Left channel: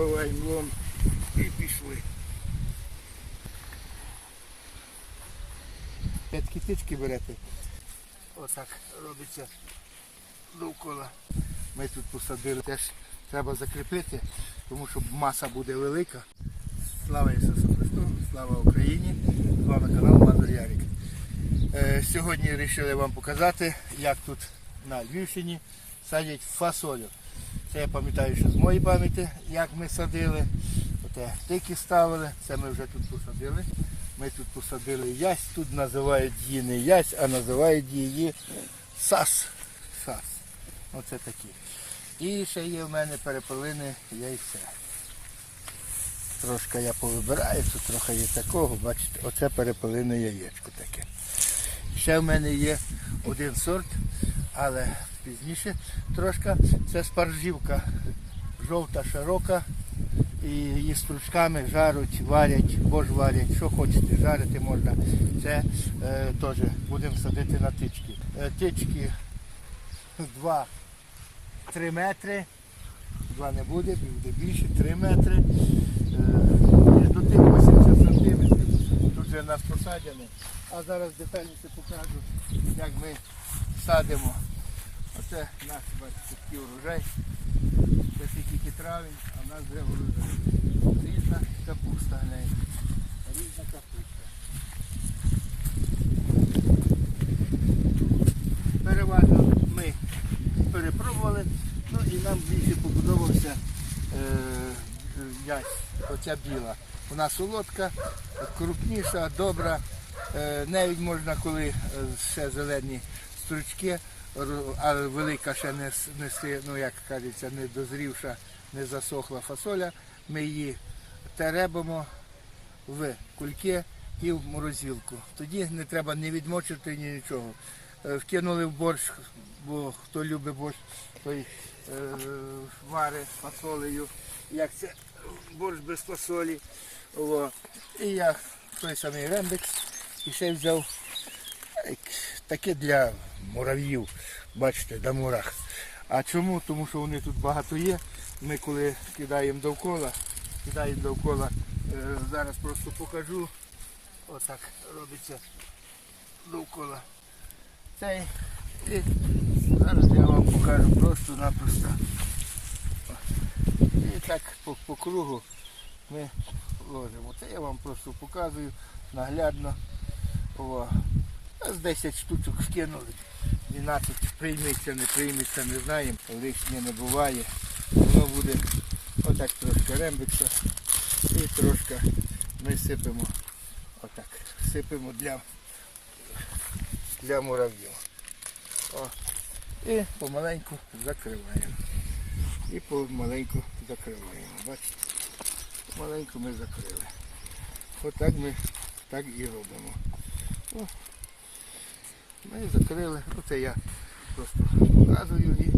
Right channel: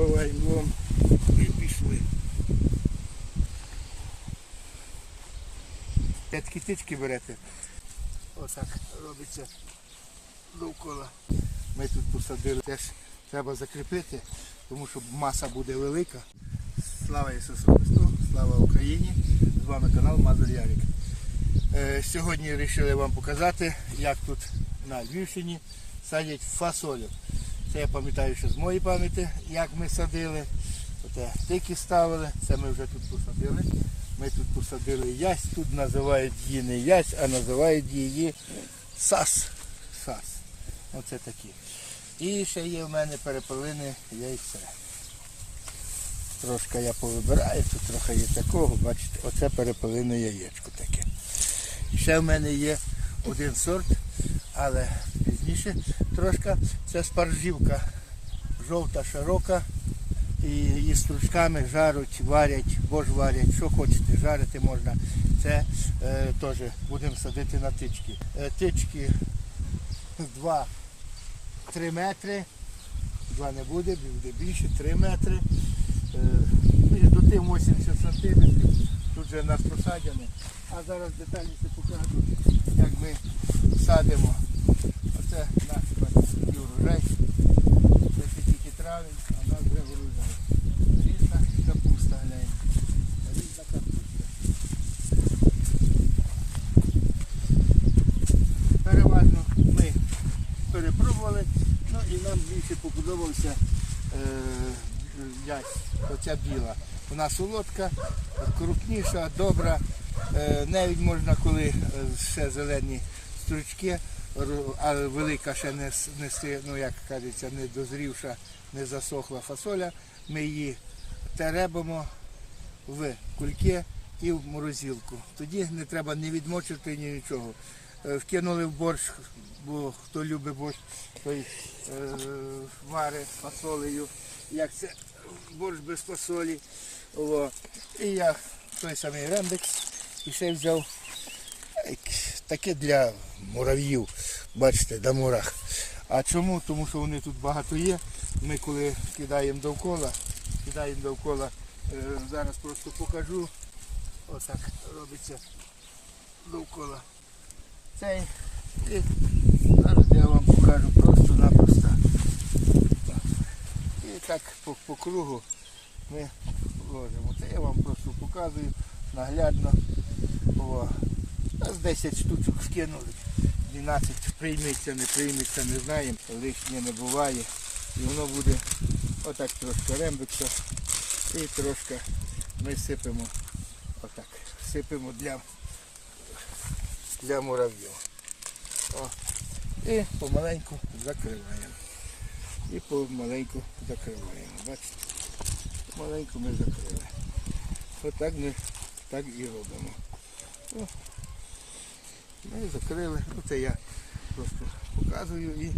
Забиваємо лом і пішли. П'ять китички берете. Отак робиться довкола. Ми тут посадили. Теж треба закріпити, тому що маса буде велика. Слава Ісусу Христу, слава Україні! З вами канал Мазур Ярик. Е, Сьогодні вирішили вам показати, як тут на Львівщині садять фасолю. Це я пам'ятаю, що з моєї пам'яті, як ми садили. Оте тики ставили, це ми вже тут посадили. Ми тут посадили ясь, тут називають її не ясь, а називають її сас. Сас. Оце такі. І ще є в мене перепелине яйце. Трошки я повибираю, тут трохи є такого, бачите, оце перепелине яєчко таке. Ще в мене є один сорт, але пізніше трошки. Це спаржівка жовта, широка. І її стручками жаруть, варять, бо ж варять, що хочете, жарити можна. Це е, теж будемо садити на тички. Е, тички 2-3 метри. Два не буде, буде більше, 3 метри. Е, між до тим 80 сантиметрів. Тут вже нас посадяне. А зараз детальніше покажу, як ми садимо. Оце наш такий урожай. Це тільки травень, а в нас вже груза. Різна капуста, гляньте. Різна капуста. Переважно ми перепробували, ну і нам більше побудовався е, оця біла. Вона солодка, крупніша, добра. Е, навіть можна, коли е, ще зелені стручки, а велика ще не, не ну як кажеться, не дозрівша, не засохла фасоля, ми її теребимо в кульки і в морозилку. Тоді не треба ні відмочити, ні нічого. Е, Вкинули в борщ, бо хто любить борщ, той е, варить фасолею. Як це борщ без фасолі. О. І я той самий рембекс і ще взяв таке для мурав'їв, бачите, для мурах. А чому? Тому що вони тут багато є. Ми коли кидаємо довкола, кидаємо довкола, е, зараз просто покажу. Отак робиться довкола. Цей. І зараз я вам покажу просто-напросто. І так по, по кругу ми ложимо. Це я вам просто показую наглядно. О, з 10 штучок скинули. 12 прийметься, не прийметься, не знаємо. Лишнє не буває. Воно буде отак трошки рембиться. І трошки ми сипемо отак. Сипемо для, для мурав'їв. І помаленьку закриваємо. І помаленьку закриваємо. Бачите? Маленьку ми закрили. Отак ми так і робимо. Ми закрили. Оце я просто показую і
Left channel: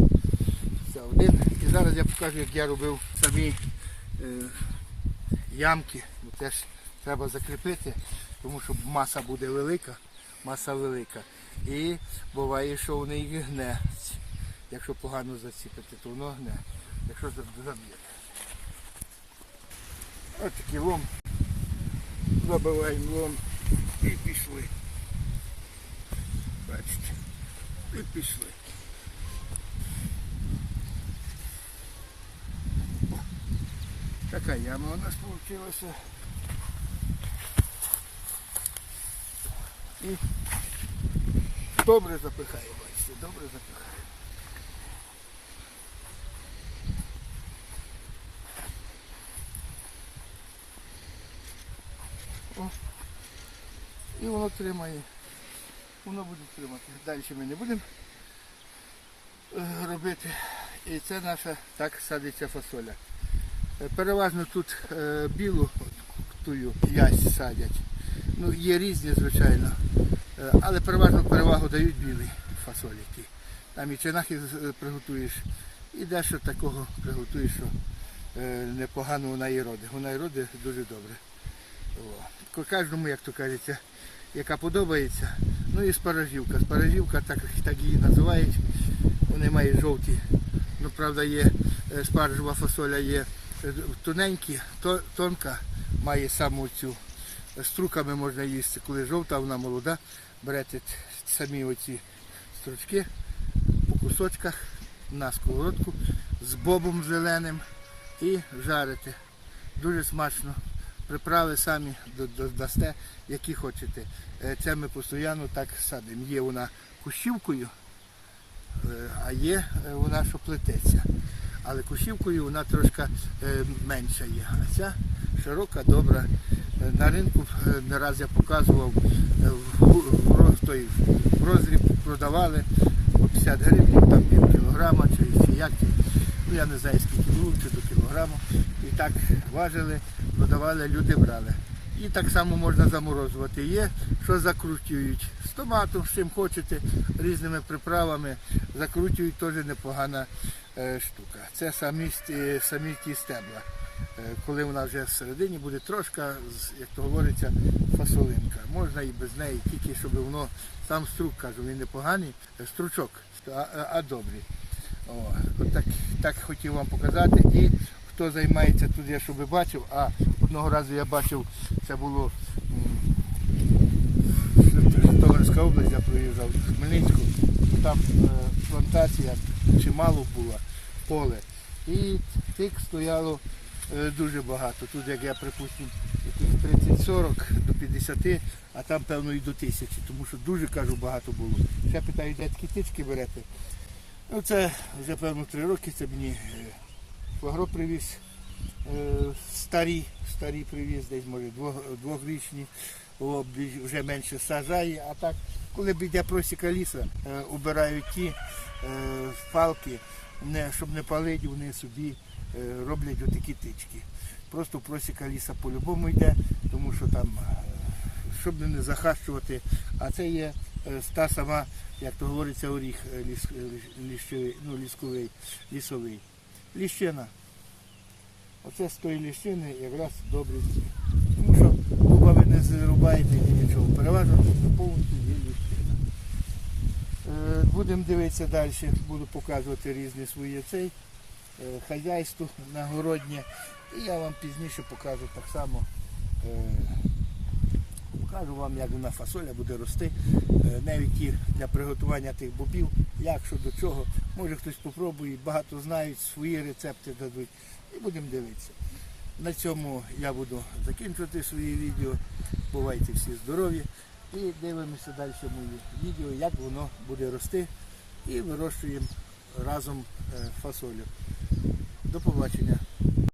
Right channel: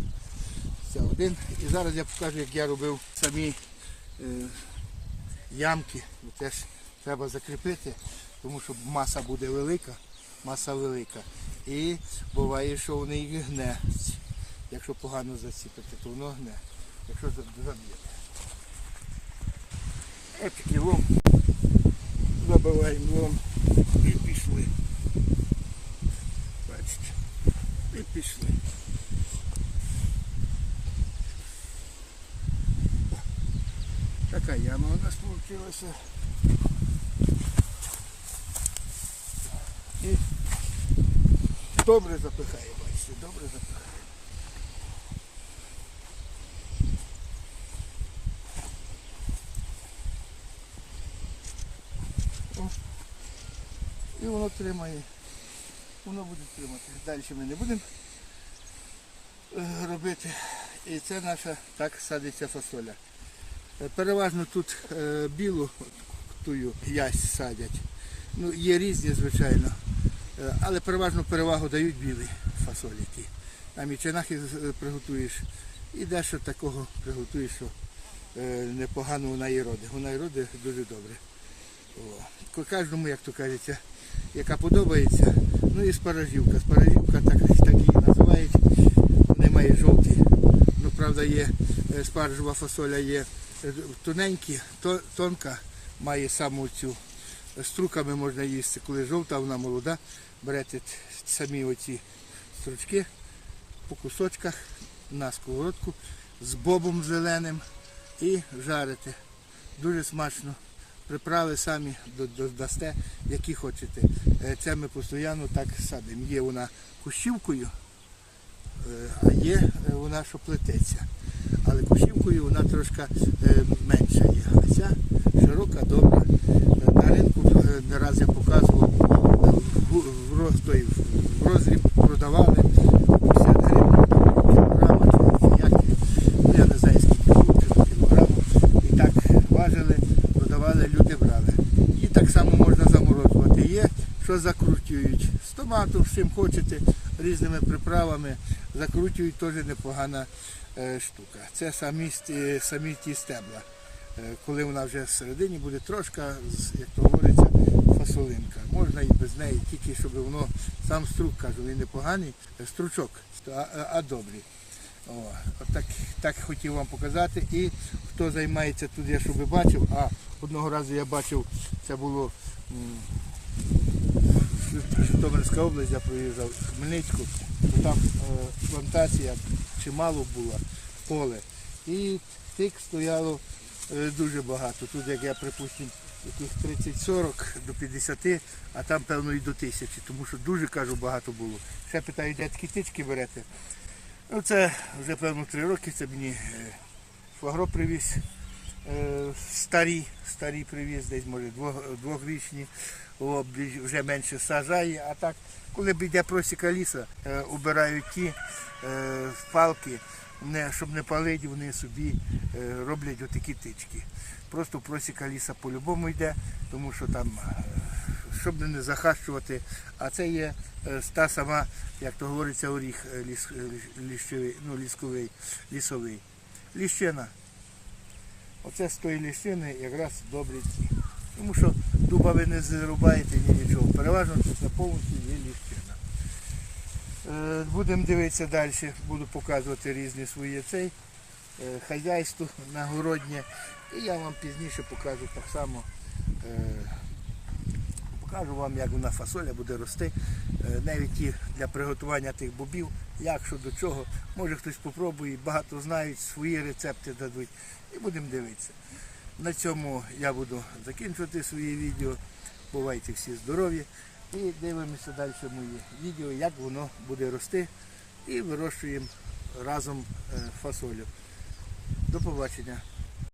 це один. І зараз я покажу, як я робив самі е, ямки. Це ж треба закріпити, тому що маса буде велика, маса велика. І буває, що вони і гне. Якщо погано засіпати, то воно гне. Якщо заб'єте. Ось такий лом. Забиваємо лом і пішли. Бачите. І пішли. О, Така яма у нас вийшла. І добре запихає, бачите, добре запихає. І воно тримає. Воно буде тримати. Далі ми не будемо е, робити. І це наша так садиться фасоля. Е, Переважно тут е, білу тую ясь садять. Ну, є різні, звичайно. Але переважно перевагу дають білі фасоліки. Там і чинахи приготуєш, і дещо такого приготуєш, що непогано вона і родить. Вона і родить дуже добре. О. Кожному, як то кажеться, яка подобається. Ну і спаражівка. Спаражівка, так, так її називають. Вони мають жовті. Ну, правда, є е, спаржева фасоля є е, тоненькі, то, тонка, має саму цю струками можна їсти. Коли жовта, вона молода, берете самі оці стручки по кусочках на сковородку з бобом зеленим і жарите. Дуже смачно. Приправи самі до- до- які хочете. Е, Це ми постійно так садимо. Є вона кущівкою, е, а є е, вона, що плететься. Але кущівкою вона трошки менша є. А ця широка, добра. На ринку не раз я показував в, розріб продавали по 50 гривень, там від кілограма чи, чи як. Ну, я не знаю скільки було, чи до кілограму. І так важили, продавали, люди брали. І так само можна заморозувати. Є, що закручують з томатом, з чим хочете, різними приправами. Закручують теж непогана е, штука. Це самі, ст- самі ті стебла. Е, Коли вона вже всередині буде трошки, з- як то говориться, фасолинка. Можна і без неї, тільки щоб воно сам струк, кажу, він непоганий, е, стручок, а, а- добрий. О, так, так хотів вам показати. І хто займається тут, я щоб бачив, а одного разу я бачив, це було Житомирська область, я проїжджав Хмельницьку, то там е, плантація чимало була, поле. І тик стояло е, дуже багато. Тут, як я припустимо, яких 30-40 до 50, а там, певно, і до тисячі, тому що дуже кажу багато було. Ще питаю, де такі тички берете. Ну, це вже певно три роки, це мені е, швагро привіз. Е, Старі, старі привіз, десь може двох- двохрічні, вже менше сажає, а так, коли йде просіка ліса, е, убирають ті е, палки, щоб не палити, вони собі роблять отакі тички. Просто просіка ліса по-любому йде, тому що там, щоб не захащувати, а це є та сама, як то говориться, е, ліс- ну, лісковий, лісовий. Ліщина. Оце з тої ліщини якраз добрі ті. Тому що дуба ви не зрубаєте ні нічого. Переважно тут повністю є ліщина. Е, Будемо дивитися далі, буду показувати різні свої цей е, хазяйство нагороднє. І я вам пізніше покажу так само. Покажу вам, як вона фасоля буде рости. Е, Навіть і для приготування тих бобів, як що до чого. Може хтось попробує, багато знають, свої рецепти дадуть. І будемо дивитися. На цьому я буду закінчувати своє відео. Бувайте всі здорові. І дивимося далі мої відео, як воно буде рости. І вирощуємо разом е, фасолю. До побачення.